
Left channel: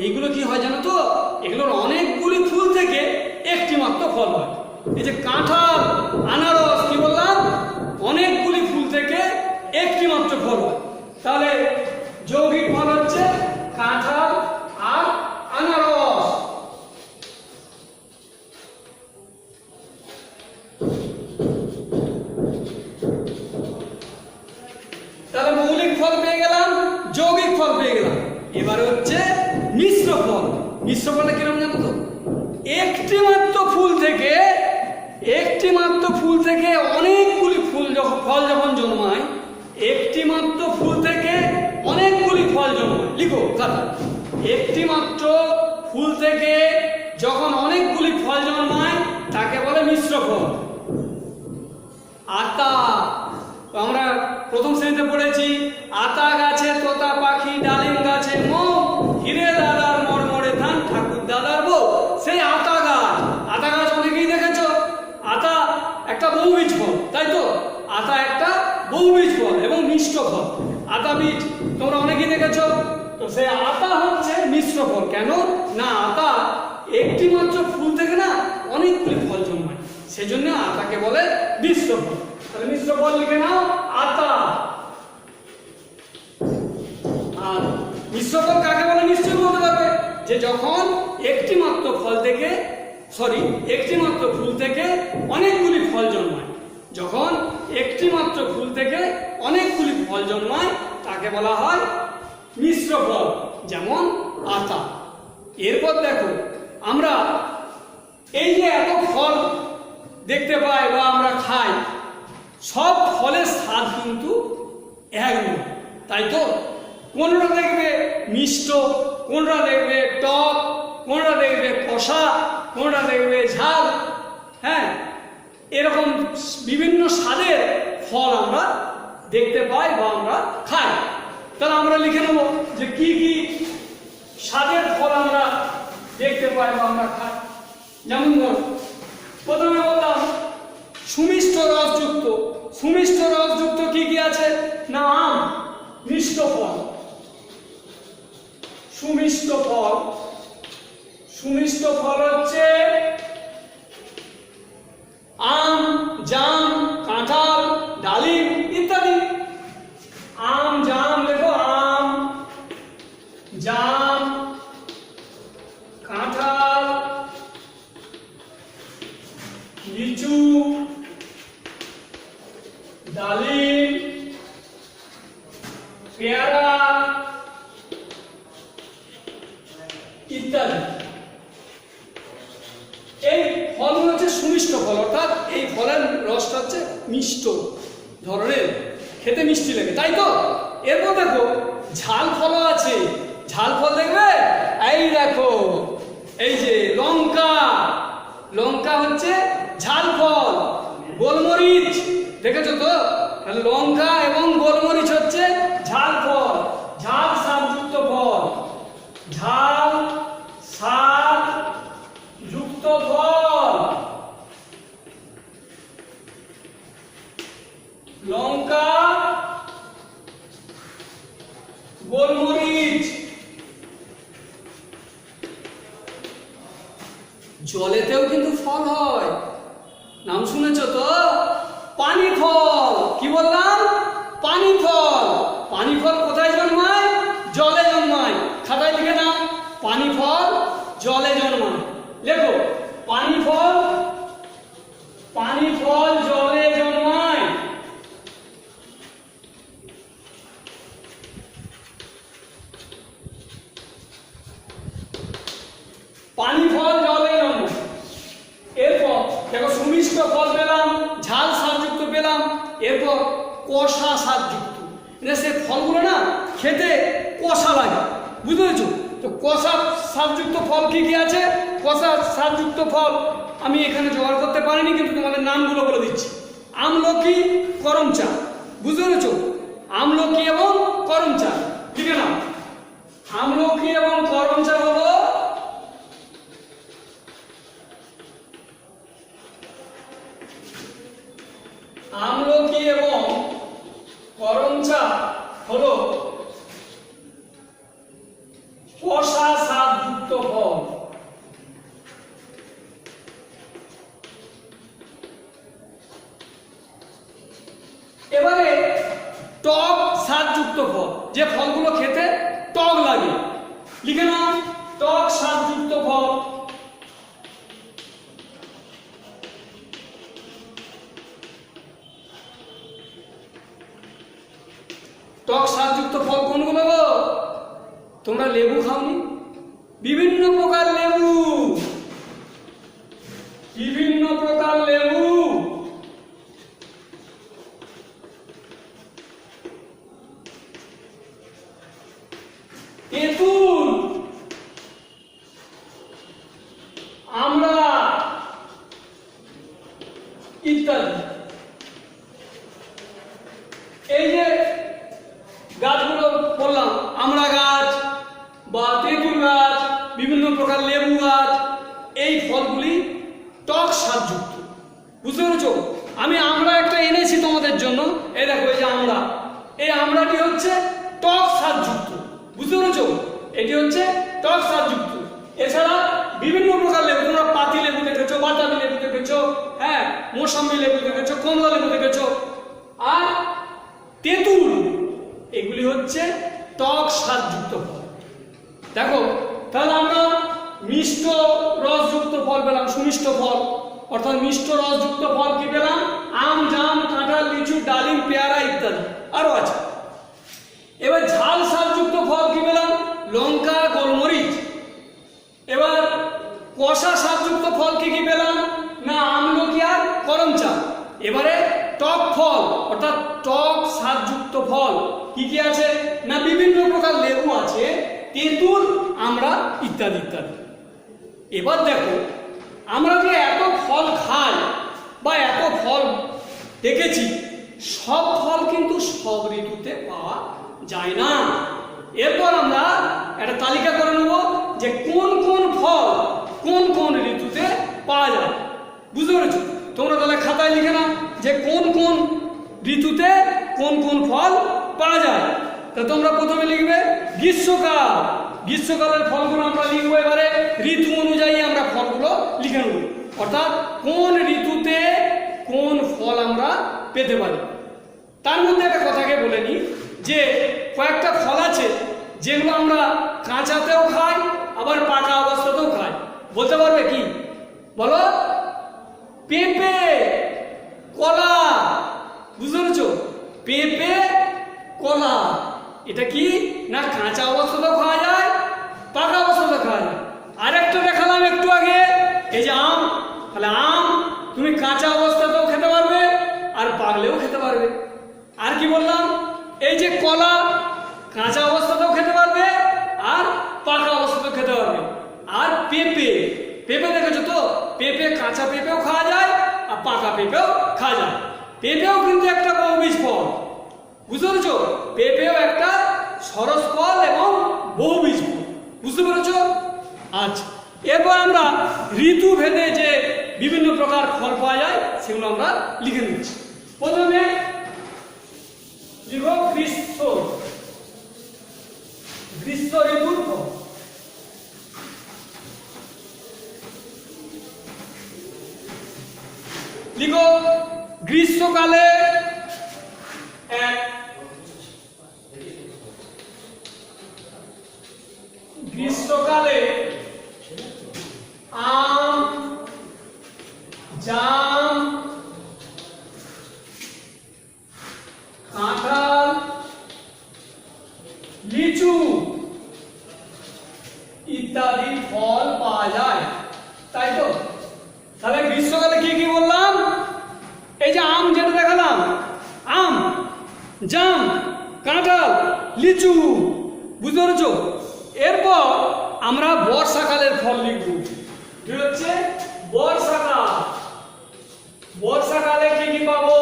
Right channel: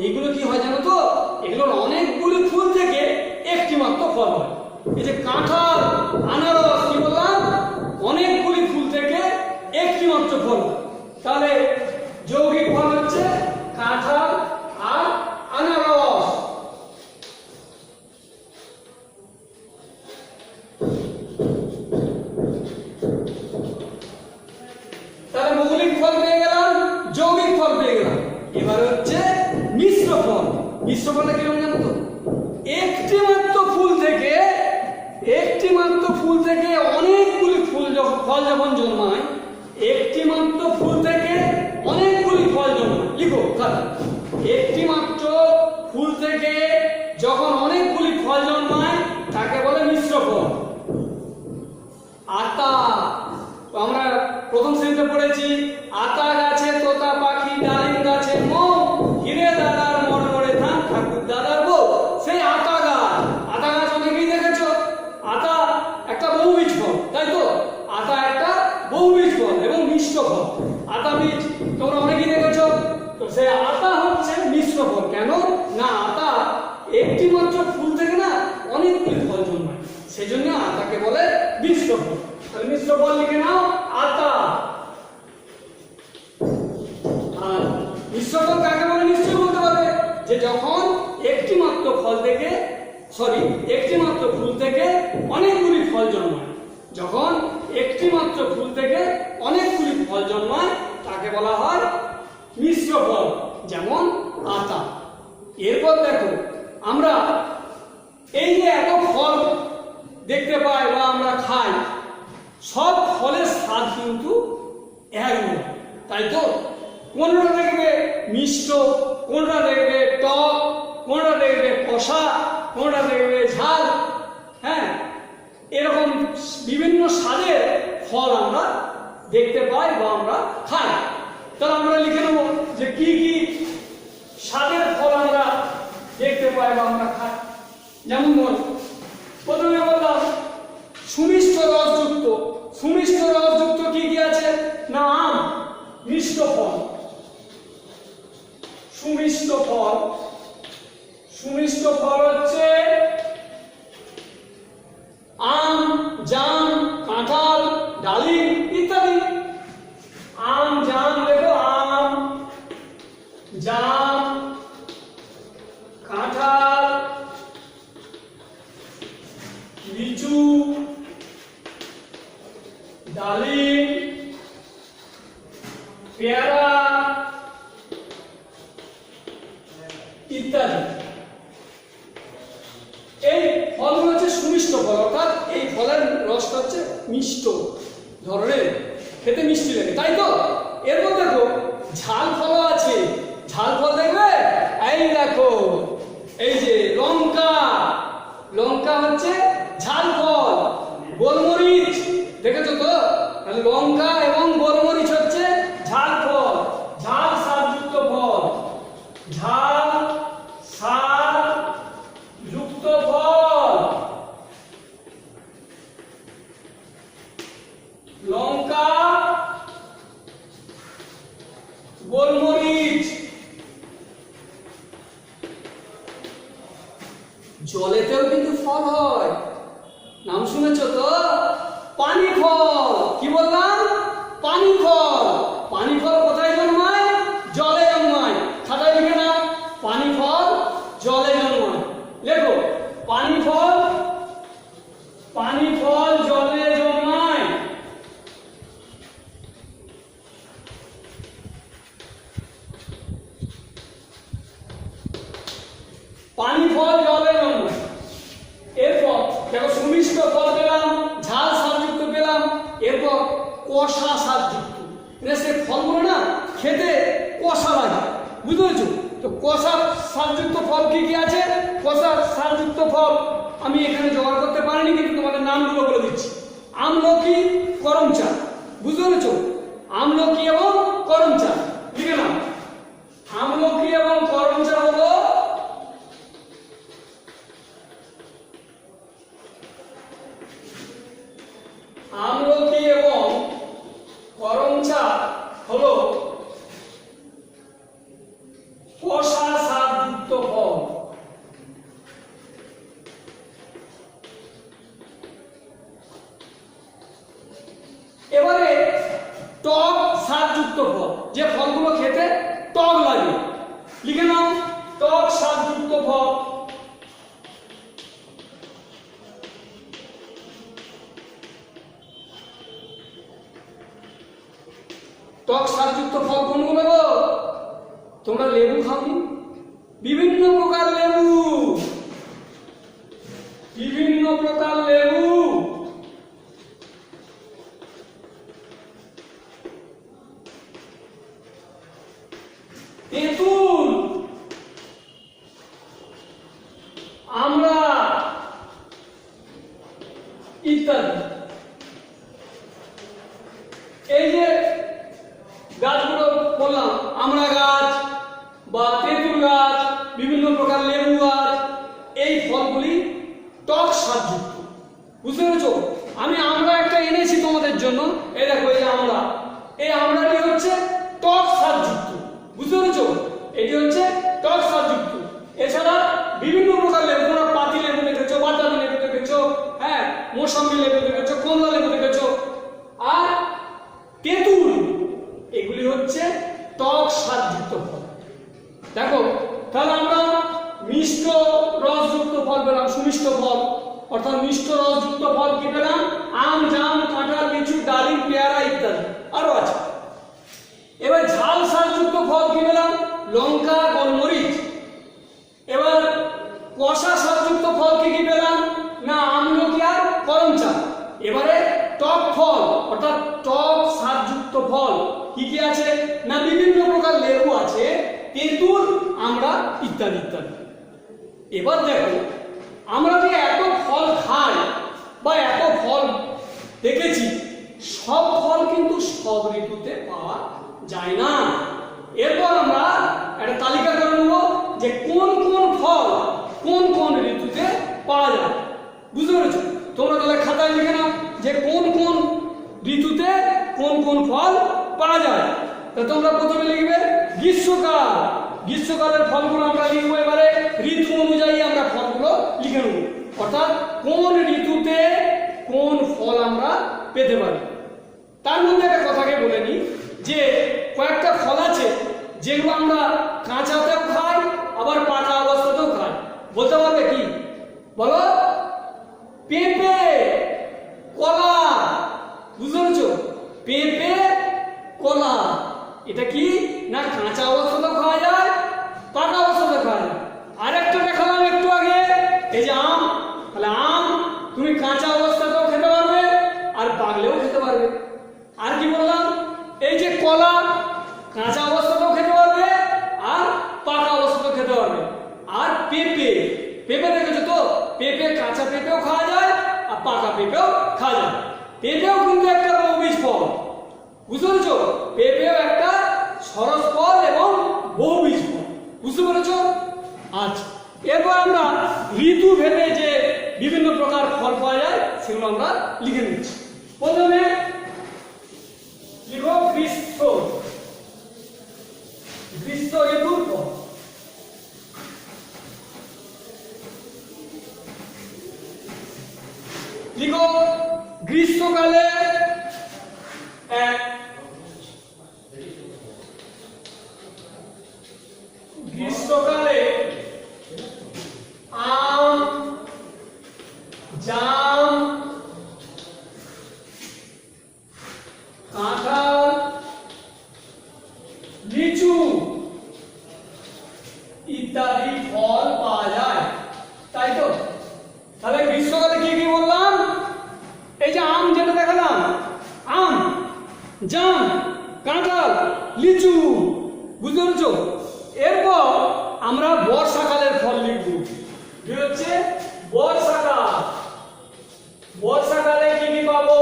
এইগুলো কি হয় জানো তো? এগুলোর অনেকগুলি ফুল থেকে একটি মাত্র ফল হয়। এই যে কাঁঠাল, আনারস, কি বললাম? অনেকগুলি ফুল থেকে একটি মাত্র ফল হয়। তাহলে যৌগিক ফল হচ্ছে কাঁঠাল আর আনারস। মিশ্র ফলে কিরকম জানো তো? একটি মাত্র ফুল থেকে অনেকগুলি ফল যখন জন্মায়, একটি মাত্র ফুল থেকে অনেকগুলি ফল জন্মায়। লিখো কথা, একটি মাত্র ফুল থেকে যখন অনেকগুলি ফল জন্মায় তাকে বলে মিশ্র ফল। আতা, আমরা প্রথম শ্রেণীতে পড়েছি, আতা গাছে তোতা পাখি, ডালিম গাছে মৌ, হিরে দাদার মরমরে ধান, ঠাকুর দাদার বউ। সেই আতা গাছ অনেকেই দেখেছো। আতা একটা বহুবীজ ফল, তাই তো? আতা একটা বহুবীজ ফল এবং মিষ্ট ফল। আতা বীজ তোমরা অনেকেই দেখেছো। তো সেই আতা হচ্ছে মিশ্র ফল। কেন না? আতা একটি মাত্র ফুল থেকে না অনেকগুলি ফল জন্মায়, সেই জন্য আতাকে বলে মিশ্র ফল। তাহলে মিশ্র ফল লিখে নাও, আতা। আর মিশ্র ফল কাকে বলে? নিশ্চয়ই বলতে পারবে যে যখন একটি মাত্র ফুল থেকে অনেকগুলি ফল জন্মায়। যখন একটি মাত্র ফুল থেকে অনেকগুলি ফল জন্মায় তাকে বলা হয় মিশ্র ফল, যেমন আতা। এরপর দেখো, আমরা এই যে এত ফল দেখতে পাই বা আমরা খাই, সব ফলের স্বাদ কিন্তু এক নয়, তাই তো? কোনটা দেখবে মিষ্ট, কোনটা দেখবে টক, কোনটা দেখবে কষা, কোনটা দেখবে ঝাল। হ্যাঁ, এরকম বিভিন্ন স্বাদের ফল আমরা দেখতে পাই বা আমরা খাই। তাহলে আমরা লিখে নেব যে কি কি স্বাদের ফল আমরা দেখতে পাই বা আমরা খাই। যেমন প্রথমে বললাম সুমিষ্ট রসযুক্ত কি কি আছে না? আম, মিষ্ট ফল। সুমিষ্ট ফল হচ্ছে আম, জাম, কাঁঠাল, ডালিম ইত্যাদি। আম, জাম, দেখো আম, জাম, কাঁঠাল, লিচু, ডালিম, পেয়ারা ইত্যাদি। এই ফলগুলো হচ্ছে সুমিষ্ট ফল, অর্থাৎ এই ফলের রসটা হচ্ছে মিষ্ট ধরনের, খেতে মিষ্টি লাগে, তাই তো? এরপর দেখো ঝাল ফলও আছে। ঝাল ফল দেখবে, এই দেখো, এই যে লঙ্কা হচ্ছে ঝাল ফল। গোলমরিচ দেখেছো তো? লঙ্কা এবং গোলমরিচ হচ্ছে ঝাল ফল, ঝাল স্বাদযুক্ত ফল। ঝাল স্বাদ যুক্ত ফল, লঙ্কা, গোলমরিচ। জলেতেও কিন্তু ফল হয়, নাম শুনেছ তো? পানি ফল। কি বললাম? পানি ফল। পানি ফল কোথায় জন্মায়? জলে জন্মায়। খাতায় লিখে নাও, পানি ফল জলে জন্মায়। লেখো, পানি ফল জলে জন্মায়। পানি ফল জলে জন্মায়। এরপর দেখো সুমিষ্ট ফল পেলাম, ঝাল স্বাদযুক্ত পেলাম, এরপর কষা স্বাদযুক্ত। সে ফলগুলো না খেতে কষা লাগে, বুঝতে পেরেছো? তো কষা স্বাদযুক্ত ফল কি কি আছে? কষা স্বাদযুক্ত ফল আমি এখানে জোগাড় করতে পারিনি, কিন্তু তোমাদের নামগুলো বলে দিচ্ছি। আমলকি, করমচা, বুঝতে পেরেছো? আমলকি এবং করমচা লিখে নাও। আমলকি এবং করমচা হলো আমলকি এবং করমচা হলো কষা স্বাদযুক্ত ফল। এবারে টক স্বাদযুক্ত ফল, যে ফলগুলো খেতে টক লাগে, লিখে নাও টক স্বাদযুক্ত ফল। টক স্বাদযুক্ত ফল কোনগুলো? তোমরা লেবু খাওনি? বিভিন্ন প্রকার আমরা ইত্যাদি। এই যে গাছগুলো বললাম, আমড়া গাছ বা তেঁতুল গাছ, বিভিন্ন প্রকার লেবু গাছ, এই ফলগুলি টক স্বাদযুক্ত। বুঝতে পেরেছো? আমি আমড়া একটা এনেছি তোমাদের জন্য, এই দেখো এই যে আমড়া, এই আমড়াটি হচ্ছে টক স্বাদযুক্ত। বুঝতে পেরেছো? এটি হচ্ছে টক স্বাদযুক্ত। এছাড়া বিভিন্ন প্রকার লেবু, তোমরা পাতি লেবু দেখেছো, বাতাবি লেবু দেখেছো, হ্যাঁ, মৌসুমী লেবু দেখেছো, কমলা লেবু দেখেছো, আর তেঁতুল, এগুলি হচ্ছে টক স্বাদযুক্ত ফল। দেখো, তাহলে আমরা মিষ্ট রসযুক্ত ফল পেলাম, সুমিষ্ট ফল, অর্থাৎ মিষ্ট রসযুক্ত ফল কি পেলাম? আম, জাম, কাঁঠাল, লিচু, ডালিম, পেয়ারা ইত্যাদি, আরো আছে। এবার ঝাল স্বাদযুক্ত ফল কি পেলাম? লঙ্কা, গোলমরিচ। এবার কষা স্বাদযুক্ত ফল কি কি পেলাম? না, আমলকি আর করমচা। এবারে টক ফল অর্থাৎ টক স্বাদযুক্ত ফল কি কি আছে? না, বিভিন্ন প্রকার লেবু আছে, তেঁতুল, আমড়া ইত্যাদি ইত্যাদি। এবার দেখো, আমরা যে এত ফল খাই বা এত ফল দেখেছি, সব ফল কিন্তু সব ঋতুতে পাওয়া যায় না। এরপর আমরা একটা তালিকা করে নেব যে কোন কোন ফল কোন কোন ঋতুতে পাওয়া যায়। বুঝতে পেরেছো? তোমরা তাহলে খাতায় লিখে নাও যে কোন কোন ঋতুতে কোন কোন ফল পাওয়া যায়। তা তোমরা প্রথমে লিখবে গ্রীষ্মকাল। গ্রীষ্মকালের ফলগুলো আমরা লিখবো। এবারে ঋতু অনুযায়ী আমরা ফলগুলো লিখে নেব, অর্থাৎ কোন ঋতুতে কোন ফল আমরা পেতে পারি। তার মধ্যে একটা কথাকে বলে নিই যে কয়েকটা ফল আছে যেগুলো আমরা কাঁচাতেও খাই, আবার পাকা অবস্থাতেও খাই। বলতে পারবে কি? বলো। পেঁপে, কলা। বুঝতে পেরেছো? পেঁপে, কলা, এটা কি না কাঁচা অবস্থাতেও খাওয়া যায়, পাকা অবস্থাতেও খাওয়া যায়। আরেকটা দেখালাম একটু আগে, এই যে আম। তাহলে আম তুমি কাঁচা অবস্থাতেও খেতে পারবে আর পাকলেও খেতে পারবে। আর কি বললাম? এই যে কলা, কাঁচা অবস্থাতেও খেতে পারবে আর পাকা অবস্থাতেও খেতে পারবে। আর পেঁপে, পেঁপে দেখেছো তো? পেঁপে কাঁচা পেঁপেও খাওয়া যায় আর পাকা পেঁপেও খাওয়া যায়। পেঁপেও কিন্তু একটা বহুবীজ ফল। বুঝতে পেরেছো? পেঁপেও একটা সরস ফল এবং বহুবীজ ফল। বুঝতে পেরেছো? আচ্ছা, এরপর আমরা ঋতু ভেদে যে বিভিন্ন প্রকার ফল পাওয়া যায় সেগুলো আমরা লিখে নিচ্ছি। প্রথমে লিখো গ্রীষ্ম, গ্রীষ্ম ঋতুর ফল। লিখো গ্রীষ্মকালে গ্রীষ্মকালে আম, জাম, কাঁঠাল, লিচু ইত্যাদি ফল পাওয়া যায়, তাই তো? তাহলে গ্রীষ্মকালে কি কি বললাম? এই যে আম যেটা দেখালাম, আম, জাম, কাঁঠাল, লিচু। বুঝতে পেরেছো? এরপর আমরা বর্ষাকালের ফল লিখব। কি হচ্ছে বর্ষাকাল? বর্ষাকালে কি কি পাবো?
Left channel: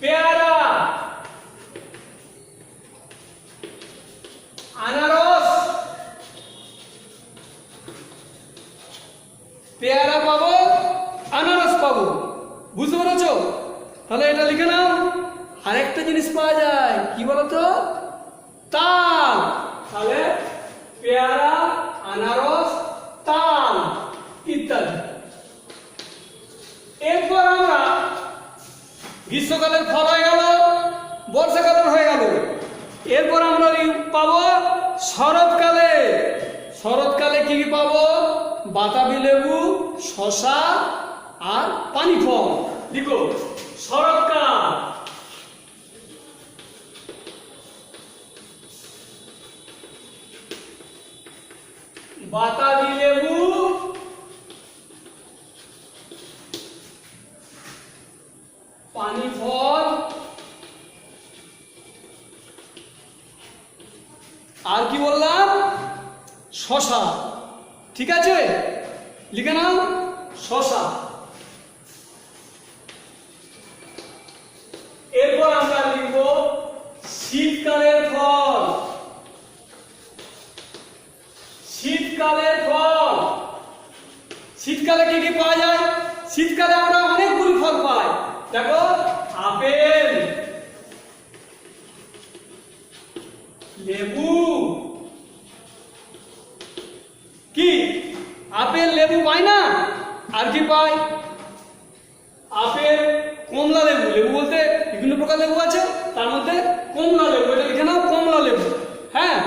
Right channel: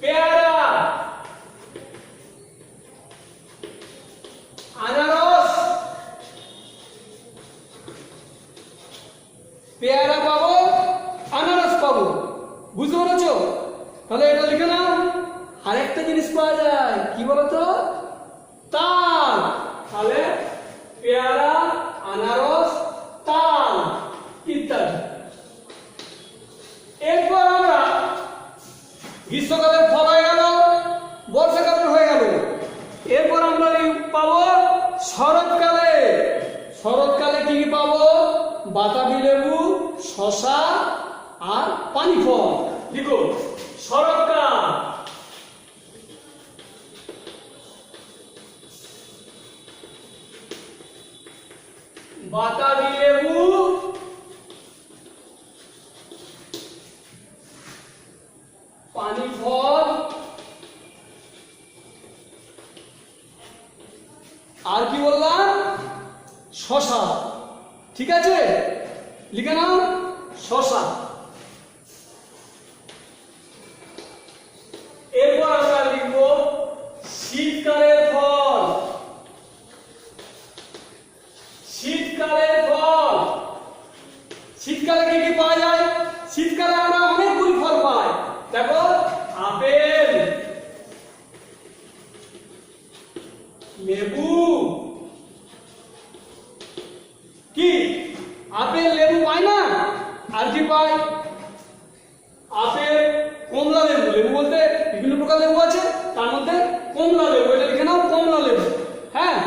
পেয়ারা, আনারস, পেয়ারা পাবো, আনারস পাবো। বুঝতে পেরেছো? তাহলে এটা লিখে নাও। আরেকটা জিনিস পাওয়া যায়, কি বলতো? তাল। তাহলে পেয়ারা, আনারস, তাল ইত্যাদি। এরপর আমরা গ্রীষ্মকালের ফল হয়ে গেল, বর্ষাকালের হয়ে গেল। এরপর আমরা পাবো শরৎকালে। শরৎকালে কি কি পাবো? বাতাবি লেবু, শসা আর পানি ফল। দেখো শরৎকাল, বাতাবি লেবু, পানি ফল আর কি বললাম? শশা। ঠিক আছে, লিখে নাও শশা। এরপর আমরা লিখব শীতকালের ফল। শীতকালের ফল, শীতকালে কি কি পাওয়া যায়? শীতকালে আমরা অনেকগুলো ফল পাই। দেখো, আপেল, লেবু। কি আপেল লেবু পাই না? আর কি পাই? আপেল, কমলা লেবু। লেবু বলতে বিভিন্ন প্রকার লেবু আছে, তার মধ্যে কমলা লেবু, এটা লিখে নাও কমলা লেবু। হ্যাঁ,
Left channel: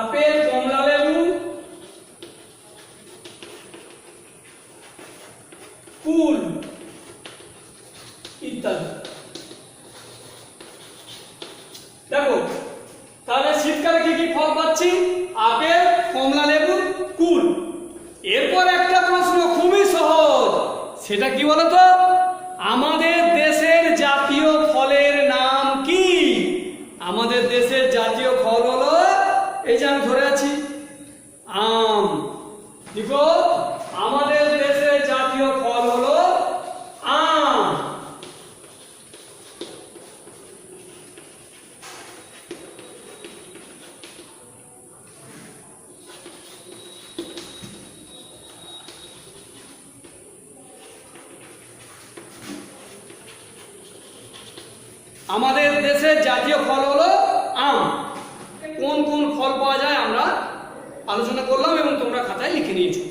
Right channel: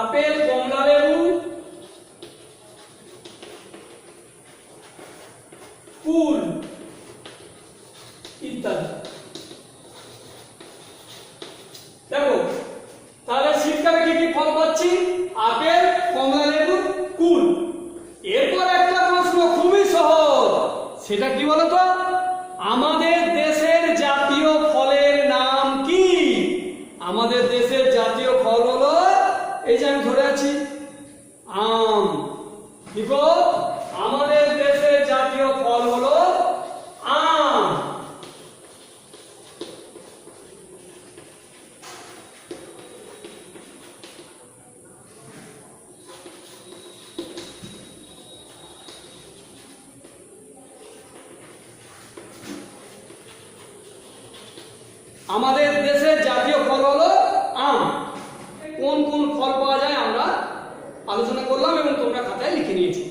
আপেল, কমলা লেবু, কুল ইত্যাদি। দেখো, তাহলে শীতকালে কি কি ফল পাচ্ছি? আপেল, কমলা লেবু, কুল। এরপর একটা প্রশ্ন খুবই সহজ, সেটা কি বলতো? আমাদের দেশের জাতীয় ফলের নাম কি? আমাদের দেশের জাতীয় ফল হলো, এই যে আমি ধরে আছি, আম। দেখো, আমাদের দেশের জাতীয় ফল হলো আম। আমাদের দেশের জাতীয় ফল হলো আম। কোন কোন ফল পাওয়া যায় আমরা আলোচনা করলাম এবং তোমরা খাতায় লিখে নিয়েছো।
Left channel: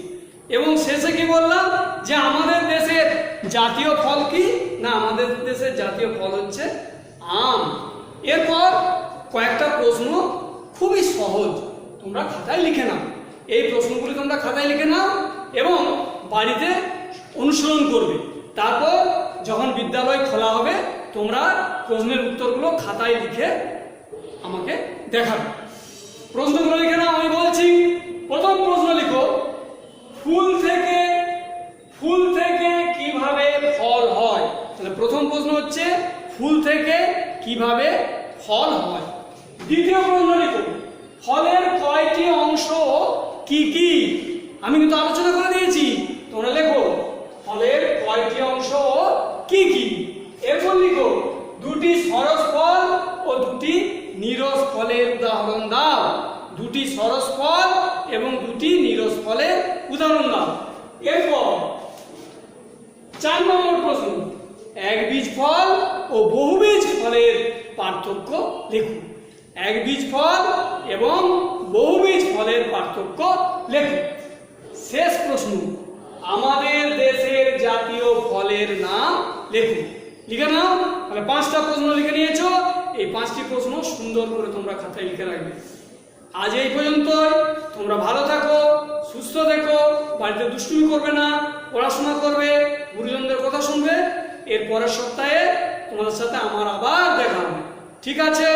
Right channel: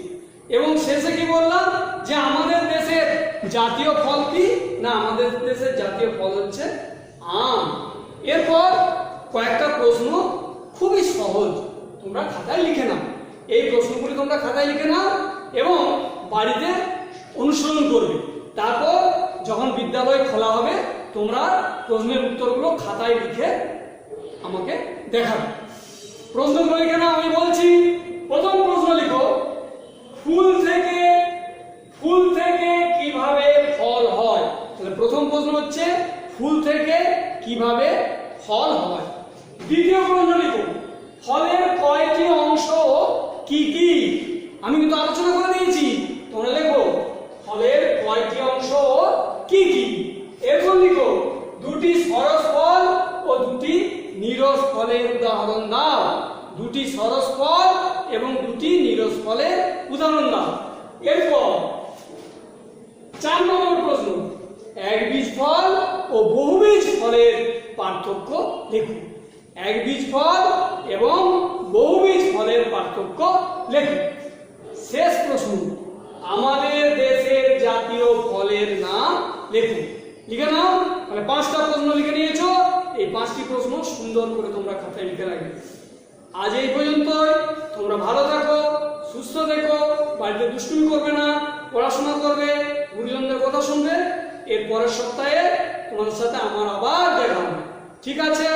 এবং শেষে কি বললাম? যে আমাদের দেশের জাতীয় ফল কি না? আমাদের দেশের জাতীয় ফল হচ্ছে আম। এরপর কয়েকটা প্রশ্ন খুবই সহজ, তোমরা খাতায় লিখে নাও। এই প্রশ্নগুলি তোমরা খাতায় লিখে নাও এবং বাড়িতে অনুসরণ করবে। তারপর যখন বিদ্যালয় খোলা হবে, তোমরা প্রশ্নের উত্তরগুলো খাতায় লিখে আমাকে দেখাবে। প্রশ্নগুলো লিখে নাও, আমি বলছি। প্রথম প্রশ্ন লিখো, ফুল থেকে কিভাবে ফল হয়? তাহলে প্রথম প্রশ্ন হচ্ছে ফুল থেকে কিভাবে ফল হয়। দ্বিতীয় প্রশ্ন লিখো, ফলের কয়টি অংশ কি কি? আমি কিন্তু আলোচনা করে দিয়েছি, তোমরা লেখো ফলের কয়টি অংশ কি কি। এরপর লিখো, দুটি সরস ফল ও দুটি নীরস ফলের উদাহরণ দাও। দুটি সরস ফল এবং দুটি নীরস ফলের উদাহরণ দাও। এরপর 4 নম্বর প্রশ্ন, একবীজ ফল ও বহুবীজ ফলের পার্থক্য লিখুন। একবীজ ফল এবং বহুবীজ ফলের পার্থক্য লিখুন। শেষ প্রশ্ন, আমাদের দেশের জাতীয় ফলের নাম লিখুন। লিখে নাও। তাহলে 5টা প্রশ্ন লিখে নিয়েছো। এই 5টি প্রশ্ন সুন্দর করে তোমরা খাতায় লিখে রাখবে। আজ এই পর্যন্তই। তোমরা ভালো থাকো, সুস্থ থেকো, বাড়িতে দুষ্টুমি করবে না, পড়াশোনা করবে, গুরুজনদের কথা শুনবে। এর পরের সপ্তাহে তোমাদের সাথে আমার আবার দেখা হবে। ঠিক আছে?